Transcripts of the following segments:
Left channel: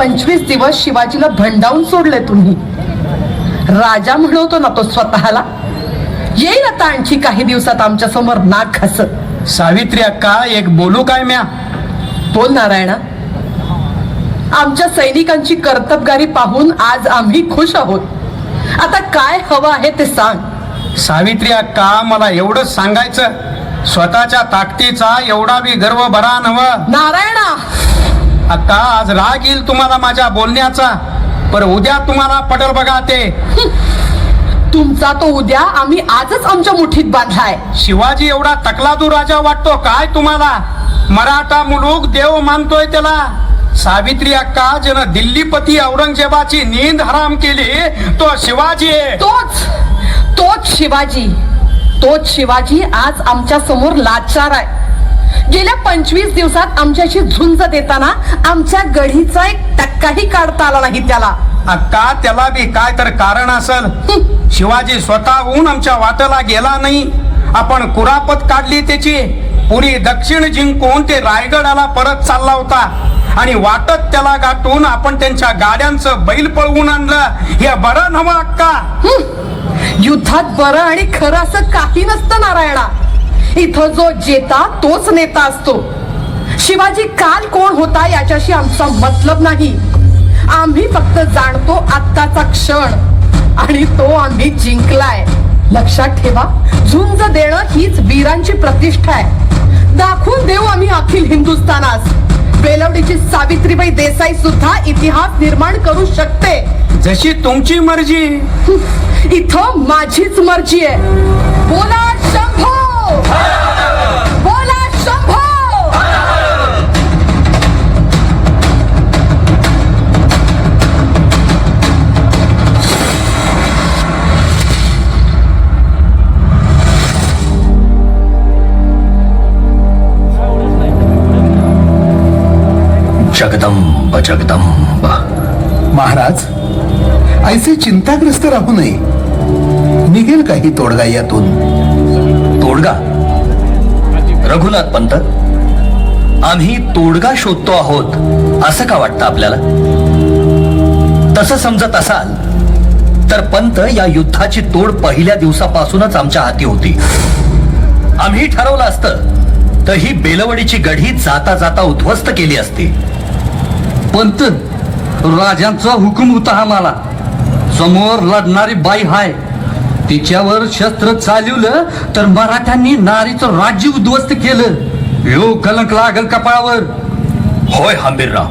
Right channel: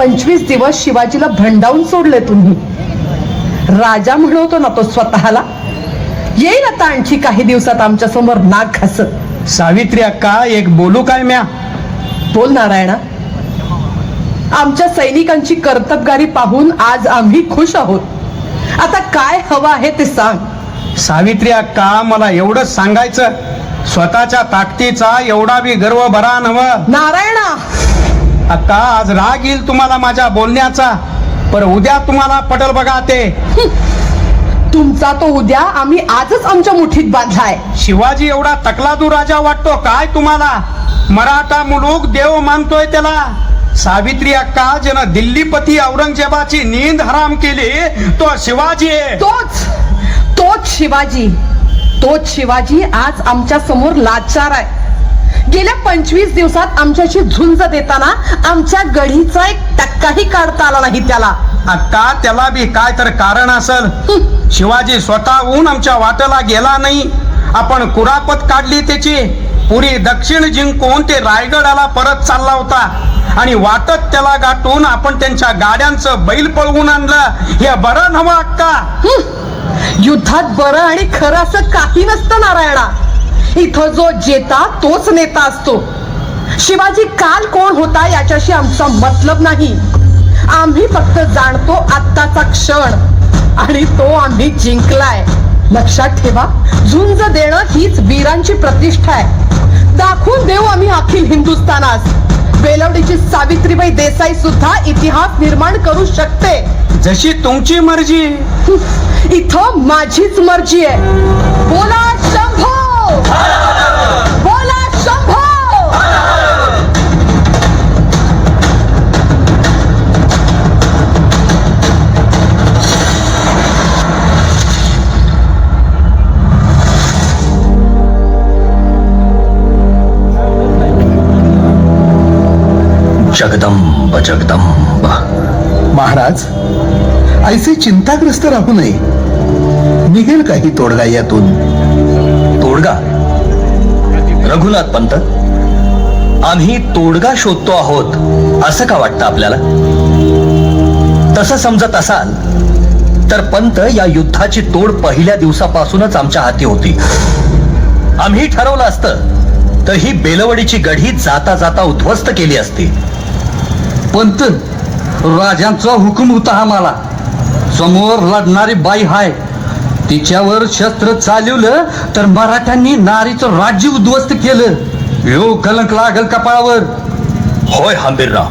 पंचवीस दिवस शिवाजीला भंडावून सोडले तुम्ही. राजा म्हणवतो ना तो स्वतःला येईल आता आणखी काही दिवसात आमच्यासमोर नाक हसत सावित्री अक्का एक बोलू काय म्या? बोल नारायणा. आमच्या सैनिकांची कर्तबगारी पाहून आज आम्ही खुश आहोत. आता काय हवं आहे ते सांग. सावित्री अक्का मला एवढंच सांगायचं. स्वतःच्या ताकदीचा एवढा बी गर्व बरा नव नारायणा अक्का आज राग येईल तुम्हाला माझ्या बोलण्याचा पर उद्या तुम्हाला पटल बघा ते. तुमचा तो उद्या आम्ही आजच आमच्या मुठीत बांधलाय. शिवाजी एवढा तकलादू राजा वाटतो काय तुम्हाला? मराठा मुलूक देव मानतोय त्याला. सावित्री अक्का ज्यानं दिल्लीपती औरंगजेबाची नींद हराम केली तो शिवाजी आहे. तोच तोच शिवाजी. तोच शिवाजी आज आमच्यासमोर लाचार आहे. गेल्या पंचवीस दिवसात आमच्याशी झुंज देताना आमच्या गढीचा एक टक्काही काढता आला नाही त्याला. अक्का त्याला बी काय तर कारण असल. शिवाजी स्वतःहून आमच्या वाटेला गेला नाही. आपण कुरापत काढली त्याची. पुरी दक्षिण जिंकून ते रायगडाला परत चालला होता. आणि वाटत त्याला गाठून आपण त्यांच्या गाड्यांचं बैल पळवून आणलं. हे बरं नवं अक्का. युद्धात बरं आणि खरं असं काही नसतं नारायणा. इथं जो जेता तोच नेता असतो. शिवाजी काल कोण होता याच्याशी आमचा मतलब नाही. आम्ही फक्त जाणतो आत्ताचा क्षण. आणि तो आम्ही जिंकलाय. लक्षात ठेवा झुंज देणं हीच वीरांची प्रतिष्ठा आहे. दाखवून देऊ आम्ही अखिल हिंदुस्थानास. बेलवडीची सावित्रीबाई देसाई सुद्धा इतिहास निर्माण करू शकते. जशी तुमची मर्जी. इथं माझीच मर्जी आहे. बोला शंभो! जगदंब जगदंब. महाराज ऐसे चिंताग्रस्त राहू नये. निघेल काही तोडगा यातून? तोडगा? रघुनाथ पंत आम्ही तोडगा शोधतो आहोत असं का वाटतं आपल्याला? तसं समजत असाल तर पंत या युद्धाची तोड पहिल्या दिवसापासूनच आमच्या हाती होती. आम्ही ठरवलं असतं तर ही बेलवडीची गढी जाता जाता उद्ध्वस्त केली असती. पंत राजांचा हुकूम होता हा मला. समोर लढणारी बाई हाय. तिच्यावर शस्त्र चालवलं तर मराठ्यांनी नारीचं राज्य उद्ध्वस्त केलं. यो कलंक लागल कपाळावर. होय हंबीरराव.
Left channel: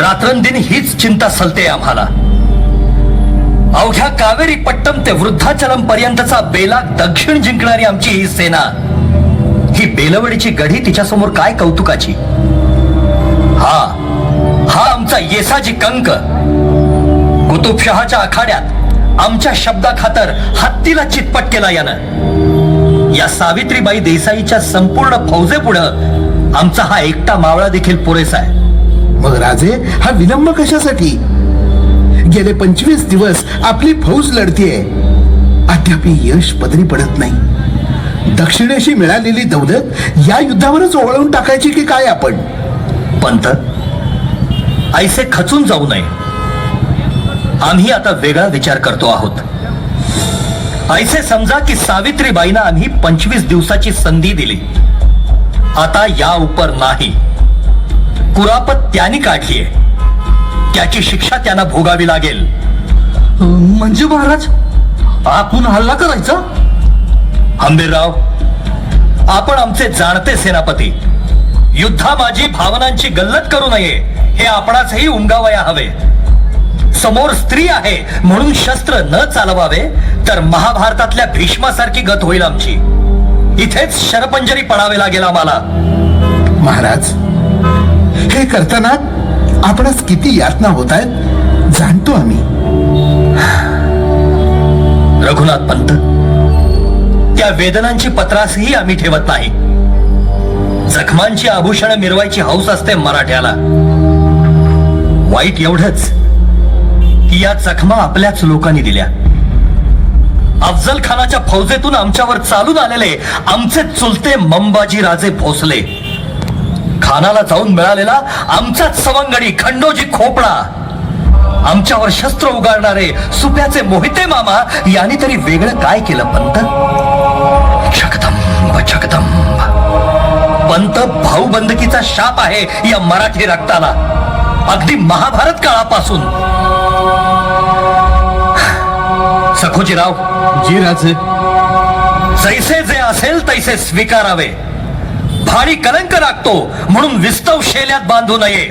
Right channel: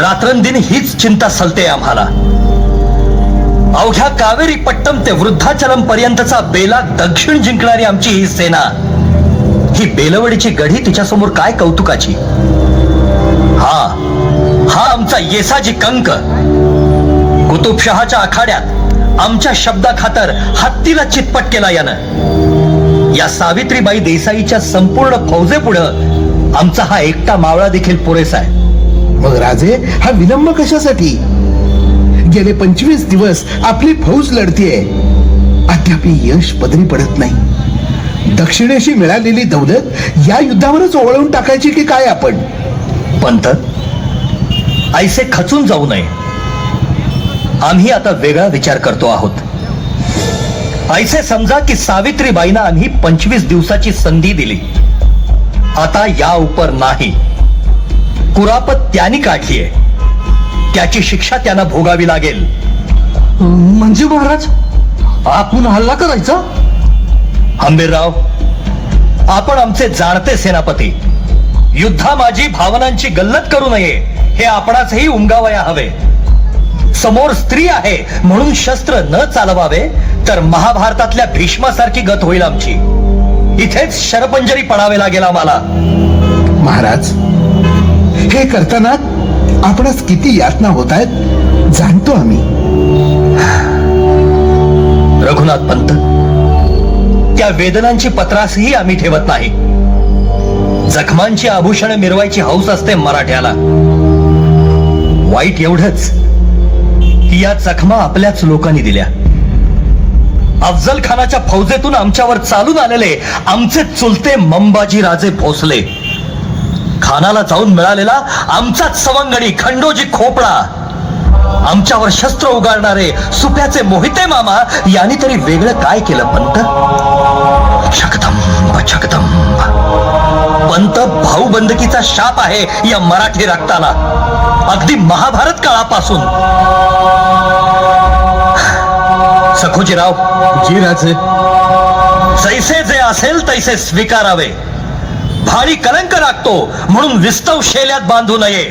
रात्रंदिन हीच चिंता सलते आम्हाला. अवघ्या कावेरी पट्टम ते वृद्धाचलम पर्यंतचा बेला दक्षिण जिंकणारी आमची ही सेना. ही बेलवडीची गढी तिच्यासमोर काय कौतुकाची? आमचा येसाजी कंक. कुतुबशहाच्या आखाड्यात आमच्या शब्दाखातर हत्तीला चितपट केला यानं. या सावित्रीबाई देसाईच्या संपूर्ण फौजेपुढं आमचा हा एकटा मावळा देखील पुरेसा आहे. मग राजे हा विलंब कशासाठी? गेले पंचवीस दिवस आपली फौज लढतीये. अद्याप यश पदरी पडत नाही. दक्षिणेशी मिळालेली दौलत या युद्धावरच ओवळून टाकायची की काय आपण? पंत ऐसे खचून जाऊ नये. आम्ही आता वेगळा विचार करतो आहोत. ऐसे समजा की सावित्रीबाईंना आम्ही पंचवीस दिवसाची संधी दिली. आता या उपर नाही. कुरापत त्यांनी काढलीय. त्याची शिक्षा त्यांना भोगावी लागेल. म्हणजे महाराज? आपण हल्ला करायचा? हंबीरराव आपण आमचे जाणते सेनापती. युद्धा माझी भावनांची गल्लत करू नये. हे आपणासही उमगावया हवे. समोर स्त्री आहे म्हणून शस्त्र न चालवावे तर महाभारतातल्या भीष्मासारखी गत होईल आमची. इथेच शरपंजरी पडावे लागेल आम्हाला. महाराज हे करताना आपणास किती यातना होत आहेत जाणतो आम्ही. रघुनाथ पंत त्या वेदनांची पत्रासही आम्ही ठेवत नाही. जखमांची आभूषण मिरवायची हौस असते मराठ्याला. वाईट एवढंच की या जखमा आपल्याच लोकांनी दिल्या. अफजल खानाच्या फौजेतून आमच्यावर चालून आलेले आमचे चुलते मंबाजी राजे भोसले. खानाला जाऊन मिळालेला आमचाच सवंगडी खंडोजी खोपडा. आमच्यावर शस्त्र उगारणारे सुप्याचे मोहिते मामा यांनी तरी वेगळं काय केलं पंत? जगदंब जगदंब पंत भाऊबंदकीचा शाप आहे या मराठी रक्ताला. अगदी महाभारत काळापासून. सखोजीराव. जी राजे जैसे जे असेल तैसे स्वीकारावे. भारी कलंक लागतो म्हणून विस्तव शेल्यात बांधू नये.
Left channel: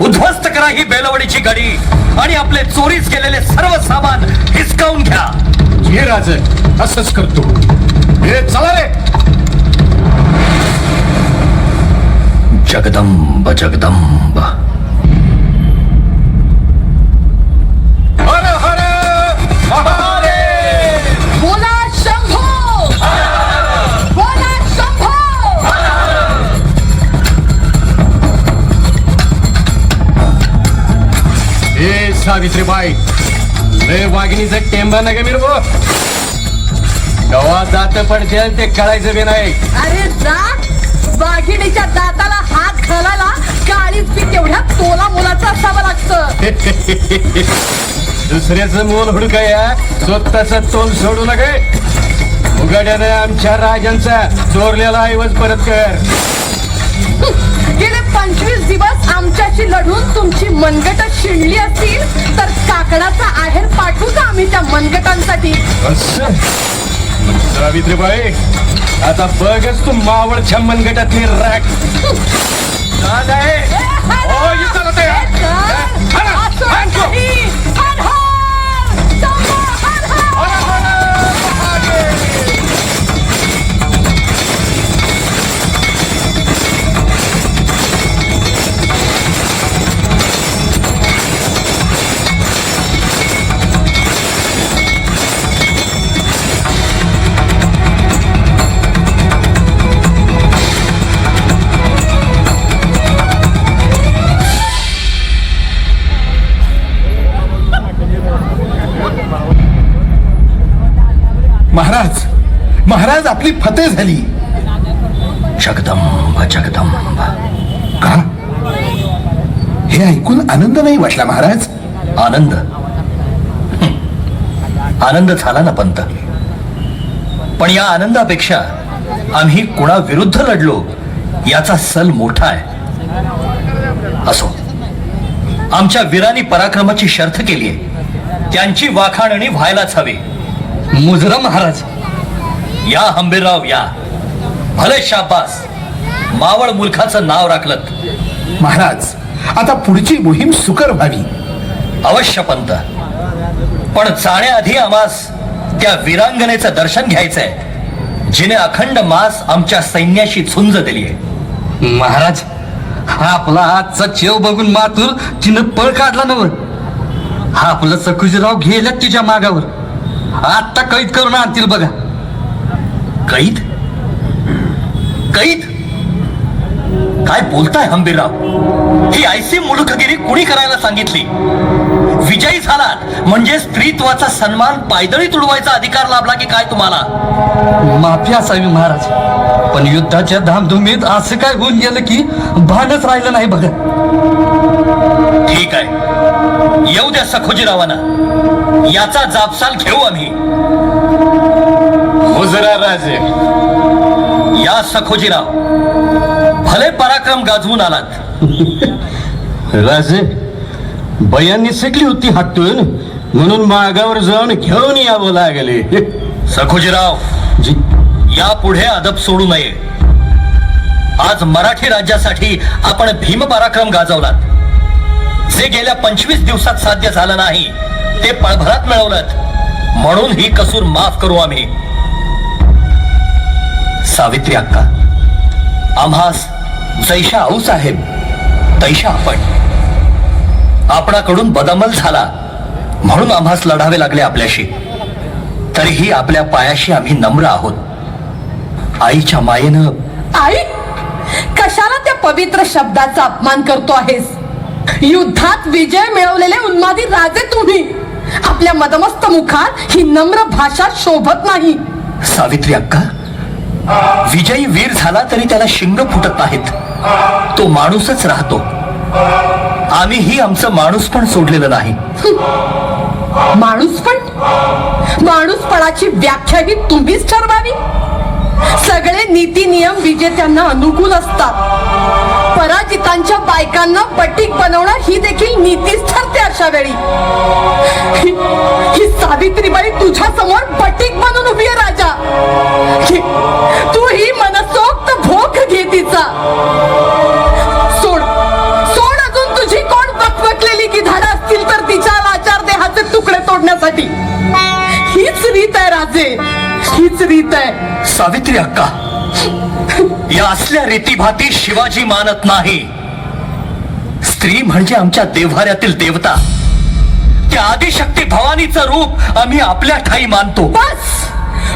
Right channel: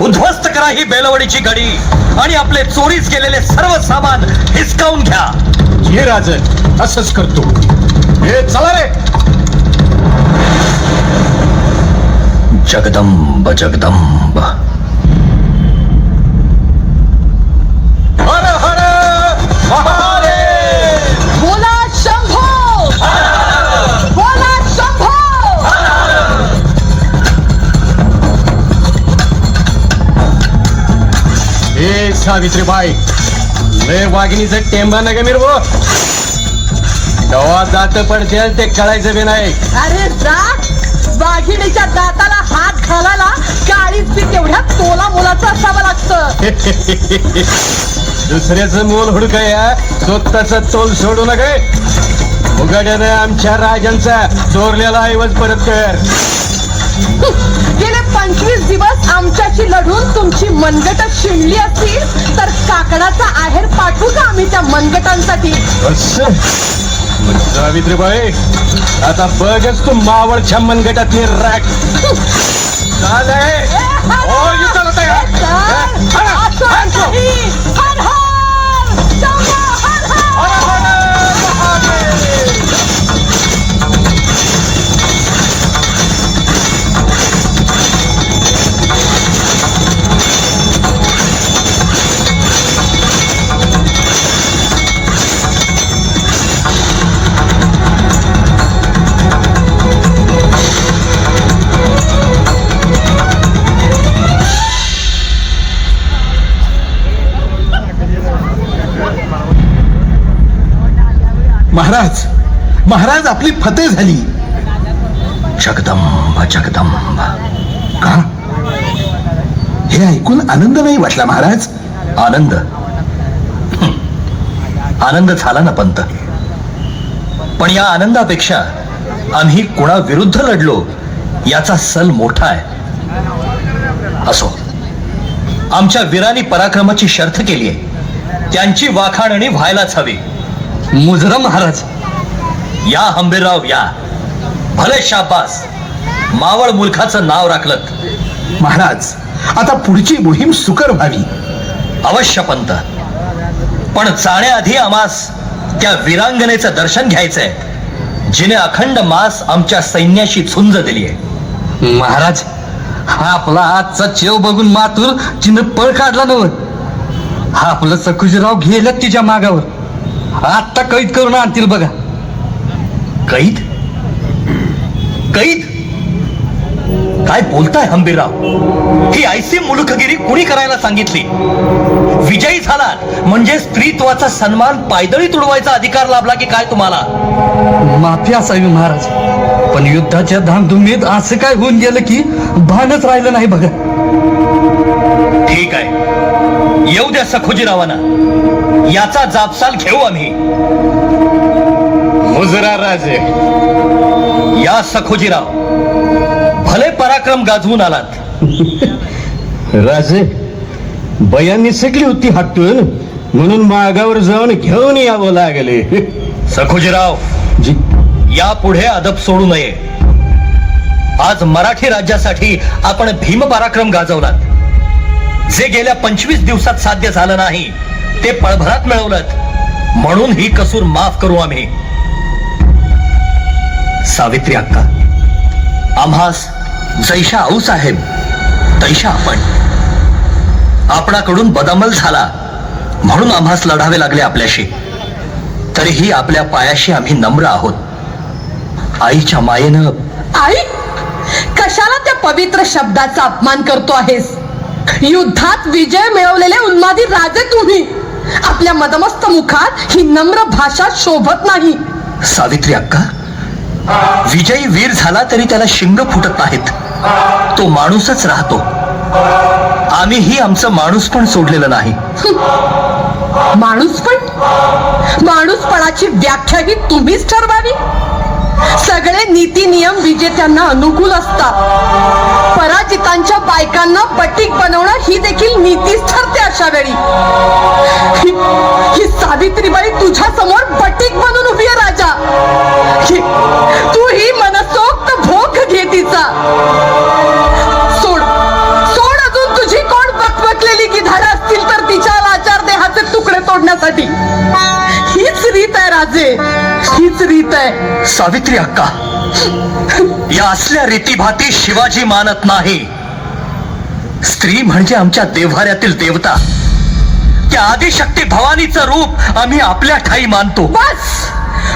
उद्ध्वस्त करा ही बेलवडीची गडी आणि आपले चोरीस गेलेले सर्व सामान हिसकावून घ्या. हे राज असंच करतो. हे चला रे. जगदंब जगदंब. सावित्रीबाई. लय वाघिणीचं टेंबा नका मिरवो. गवा दात पडतील ते कळायचं बी नाही. अरे जा. वाघिणीच्या दाताला हात घालायला काळीच पी तेवढ्या तोला मोलाचं असावं लागतं. दुसऱ्याचं मोल हुडकाया स्वतःचा तोल सोडू नका. उघड्यानं आमच्या राजांचा चोरलेला ऐवज परत कर. गेले पंचवीस दिवस आमच्याशी लढून तुमची मनगट शिणली असतील तर काकडाचा आहेर पाठवू का आम्ही त्या मनगटांसाठी? सावित्रीबाई आता बघच तू मावळच्या मनगटातली राख चालय. आपली फते झाली. जगदंब जगदंब. का हे ऐकून आनंद नाही वाटला महाराज? आनंद. आनंद झाला ना पंत. पण या आनंदापेक्षा आम्ही कुणा विरुद्ध लढलो याचा सल मोठा आहे. असो. आमच्या वीरांनी पराक्रमाची शर्थ केली आहे. त्यांची वाखाणणी व्हायलाच हवी. मुजरा महाराज या हंबीरराव या. भले शाबास. मावळ मूर्खाचं नाव राखलं महाराज आता पुढची मोहीम सुकर व्हावी. अवश्य पंत. पण जाण्याआधी आम्हास त्या वीरांगनेचं दर्शन घ्यायचंय. जिने अखंड मास आमच्या सैन्याशी झुंज दिली आहे महाराज हा आपला आजचा चेव बघून मातूर तिनं पळ काढला नव हा आपलं सकुजीराव गेल्यात तिच्या मागावर? आत्ता कैद करून आणतील बघा. कैद? कैद? काय बोलताय हंबीरराव? ही ऐसी मुलुखगिरी कुणी करायला सांगितली? विजयी झाला. म्हणजे स्त्रीत्वाचा सन्मान पायदळी तुडवायचा अधिकार लाभला की काय तुम्हाला? माफी असावी महाराज पण युद्धाच्या धामधुमीत असं काय होऊन गेलं की भानच राहिलं नाही बघा. ठीक आहे. येऊ द्या सखोजीरावांना. याचा जापसाल घेऊ आम्ही. या सखोजीराव भले पराक्रम गाजवून आलात. राजे बयांनी सगळी होती हटून म्हणून मागावर जाऊन घेऊन यावं लागले. सखोजीराव जी. यापुढे अदब सोडू नये. आज मराठी राज्यासाठी आपण भीम पराक्रम गाजवलात. जे गेल्या पंचवीस दिवसात साध्य झालं नाही ते पळभरात मिळवलं म्हणून ही कसूर माफ करू आम्ही. सावित्री अक्का आम्हास जैशा आऊ साहेब तैशा आपण. आपणाकडून बदमल झाला म्हणून आम्हास लढावे लागले आपल्याशी. तरीही आपल्या पायाशी आम्ही नम्र आहोत. आईच्या मायेनं आई कशाला त्या पवित्र शब्दाचा अपमान करतो आहेस? युद्धात विजय मिळवलेले उन्मादी राजे तुम्ही. आपल्या मदमस्त मुखात ही नम्र भाषा शोभत नाही. सावित्री अक्का विजयी वीर झाला तरी त्याला शिंग फुटत नाहीत. तो माणूसच राहतो. आम्हीही आमचं माणूस पण सोडलेलं नाही. माणूस पण? माणूसपणाची व्याख्या ही तुम्हीच ठरवावी? सगळे नीती नियम विजेत्यांना अनुकूल असतात. पराजितांच्या बायकांना पटीक बनवणं ही देखील नीतीच ठरते अशा वेळी ही- ही सावित्रीबाई तुकडे तोडण्यासाठी हीच रीत आहे राजे. हीच रीत आहे. सावित्री अक्का या असल्या रीतीभाती शिवाजी मानत नाही. स्त्री म्हणजे आमच्या देव्हाऱ्यातील देवता. त्या आदिशक्ती भवानीचं रूप आम्ही आपल्या ठाई मानतो. बस!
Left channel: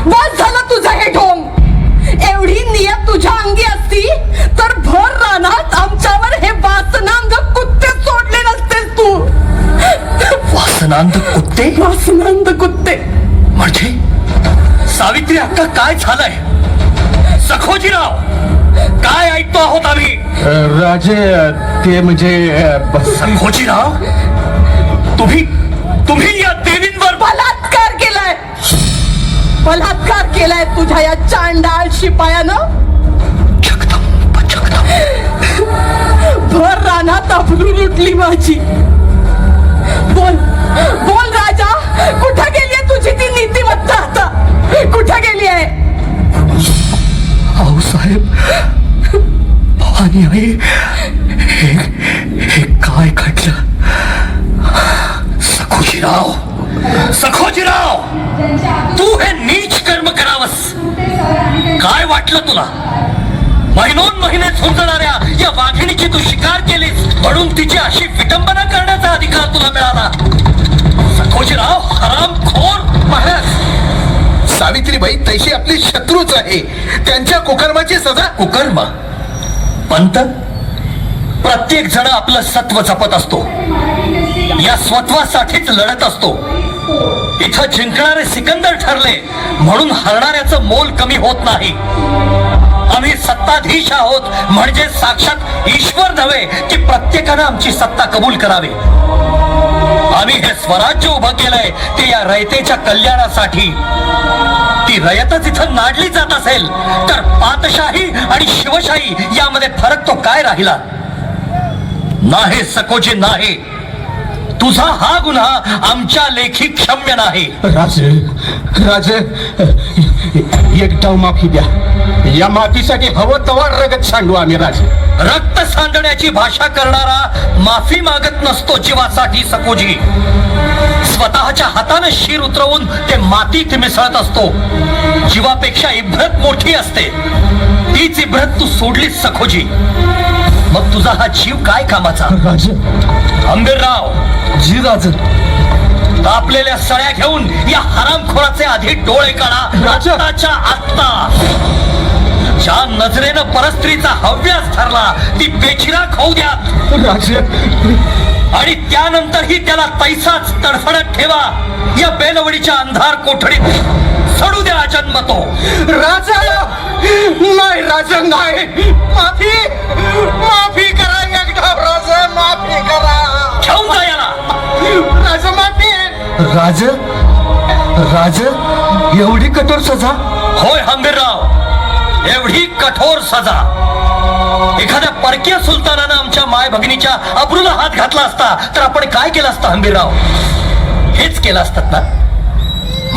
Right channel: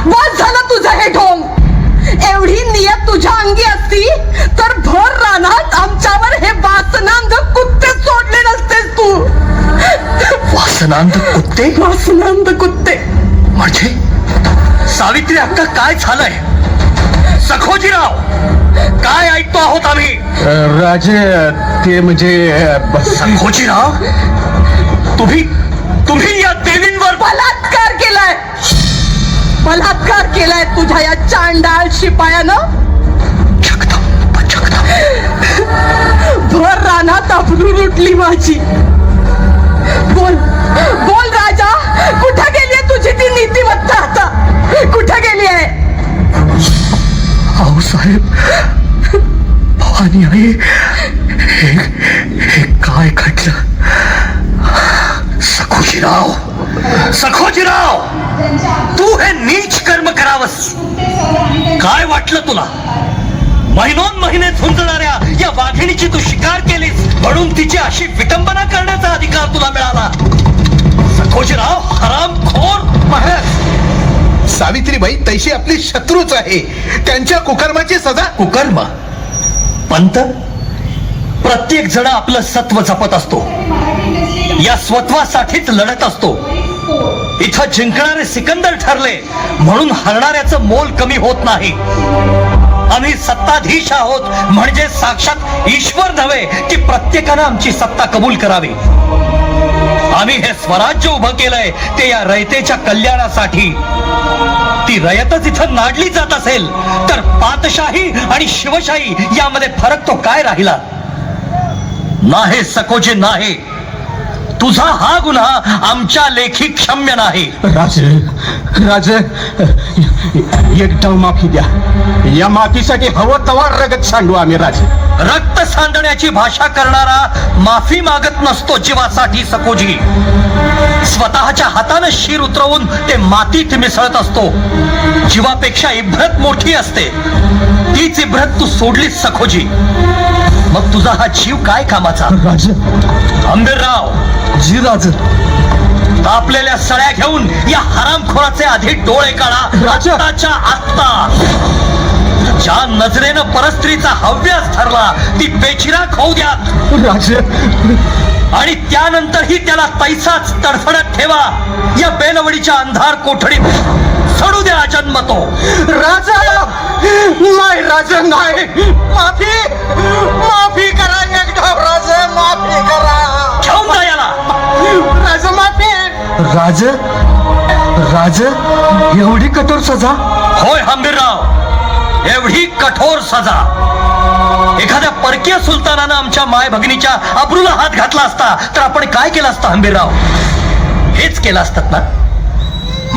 बस झालं तुझं हे ढोंग. एवढी नियत तुझ्या अंगी असती तर भर रानात आमच्यावर हे वासनांध कुत्ते सोडले नसतेस तू. वासनांत कुत्ते? वासनांध कुत्ते. म्हणजे? सावित्री अक्का काय झालंय? सखोजीराव काय ऐकतो आहोत आम्ही? राजे ते म्हणजे सखोजीराव तुम्ही तुम्ही या देवींवर बलात्कार केलाय. बलात्कार केलाय तुझ्या या चांडाळ शिपायानं? भर रानात अबरू लुटली माझी. बोल. बोल राजा कुठे गेली तुझी ती नीतिमत्ता आता? कुठे गेली आहे? आऊ साहेब भवानी हे काय घडलं? सखोजीराव सखोजीराव तू हे नीच कर्म करावस. काय वाटलं तुला? महिनोन महिने झुंजणाऱ्या या वाघिणीची तू शिकार केलीस म्हणून तिची अशी विटंबना करण्याचा अधिकार तुला मिळाला सखोजीराव हराम खोन महाराज. सावित्रीबाई तैशी आपले शत्रूच आहे. त्यांच्या कुकर्माची सजा कुकर्म. पंत प्रत्येक जण आपलं सत्व जपत असतो. या स्वत्वासाठीच लढत असतो. इथं जिंकणारे सिकंदर ठरले म्हणून हरणाऱ्याचं मोल कमी होत नाही. आम्ही सत्ताधीश आहोत म्हणजे साक्षात ईश्वर नव्हे की प्रत्येकानं आमची सत्ता कबूल करावी. आम्ही हे स्वराज्य उभं केलंय ते या रयतेच्या कल्याणासाठी. ती रयतच इथं नाडली जात असेल तर पातशाही आणि शिवशाही यामध्ये फरक तो काय राहिला? नाही सकोजे नाही. तुझा हा गुन्हा आमच्या लेखी क्षम्य नाही. राज राज एकदा माफी द्या. या माफीसाठी हवं तवा रगत सांडू आम्ही राज. रक्त सांडण्याची भाषा करणारा माफी मागत नसतो जीवासाठी सकोजी. स्वतःच्या हाताने शिर उतरवून ते मातीत मिसळत असतो. जीवापेक्षा इब्रत मोठी असते. तीच इब्रत तू सोडलीस सखोजी मग तुझा हा जीव काय कामाचा? राज. आंबेरराव जी राज तापलेल्या सळ्या घेऊन या हरामखोराचे आधी डोळे काढा. राजा! आत्ताच्या आत्ता ज्या नजरेनं परस्त्रीचा हव्यास ठरला ती बेचिराख होऊ द्या. आणि त्यानंतरही त्याला तैसाच तडफडत ठेवा. या बेलवडीच्या अंधार कोठडीत सडू द्या जन्मतो राजा! नाही राजा नाही. राज राज एवढी कठोर सजा? होय हंबीरराव एवढी कठोर सजा. एखाद्या परकीय सुलतानानं आमच्या माय भगिनीच्या अब्रूला हात घातला असता तर आपण काय केलं असतं हंबीरराव हेच केलं असतात ना?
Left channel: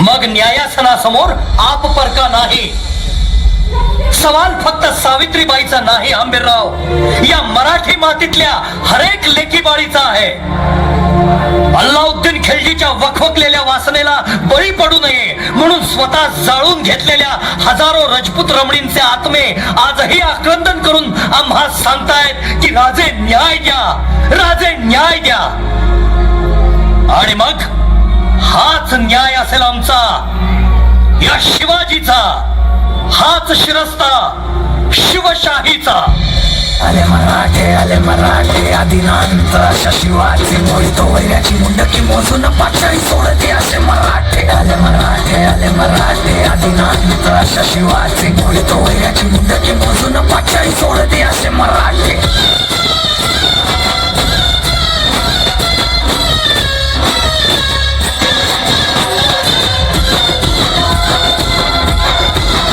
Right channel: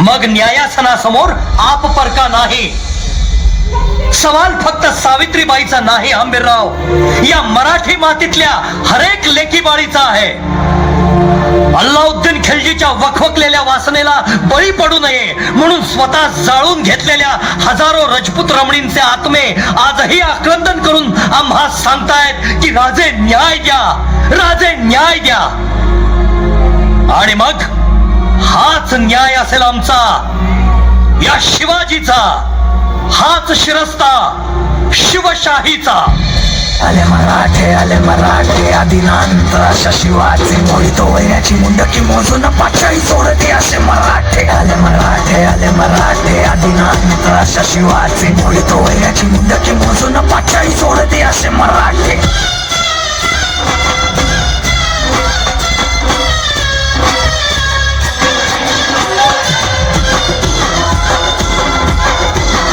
मग न्यायासनासमोर आप परका नाही. सवाल फक्त सावित्रीबाईचा नाही हंबीरराव या मराठी मातीतल्या हरेक लेखीबाळीचा आहे. अल्लाउद्दीन खिलजीच्या वखवकलेल्या वासनेला बळी पडू नये म्हणून स्वतः जाळून घेतलेल्या हजारो रजपूत रमणींचे आत्मे आजही आक्रंदन करून आम्हा सांगतायत की राजे न्याय द्या राजे न्याय द्या. आणि मग हाच न्याय असेल आमचा या शिवाजीचा हाच शिरस्ता शिवशाहीचा. आले मराठे आले मराठे आदिनांत अशा शिवाचे मोहितो वैऱ्याची मुंडकी मोजून पाचाळी सोडते असे मराठे. आले मराठे आले मराठे आदिनांत अशा शिवाचे मोहितो वैऱ्याची मुंडकी मोजून पाचाळी सोडते असे मराठे.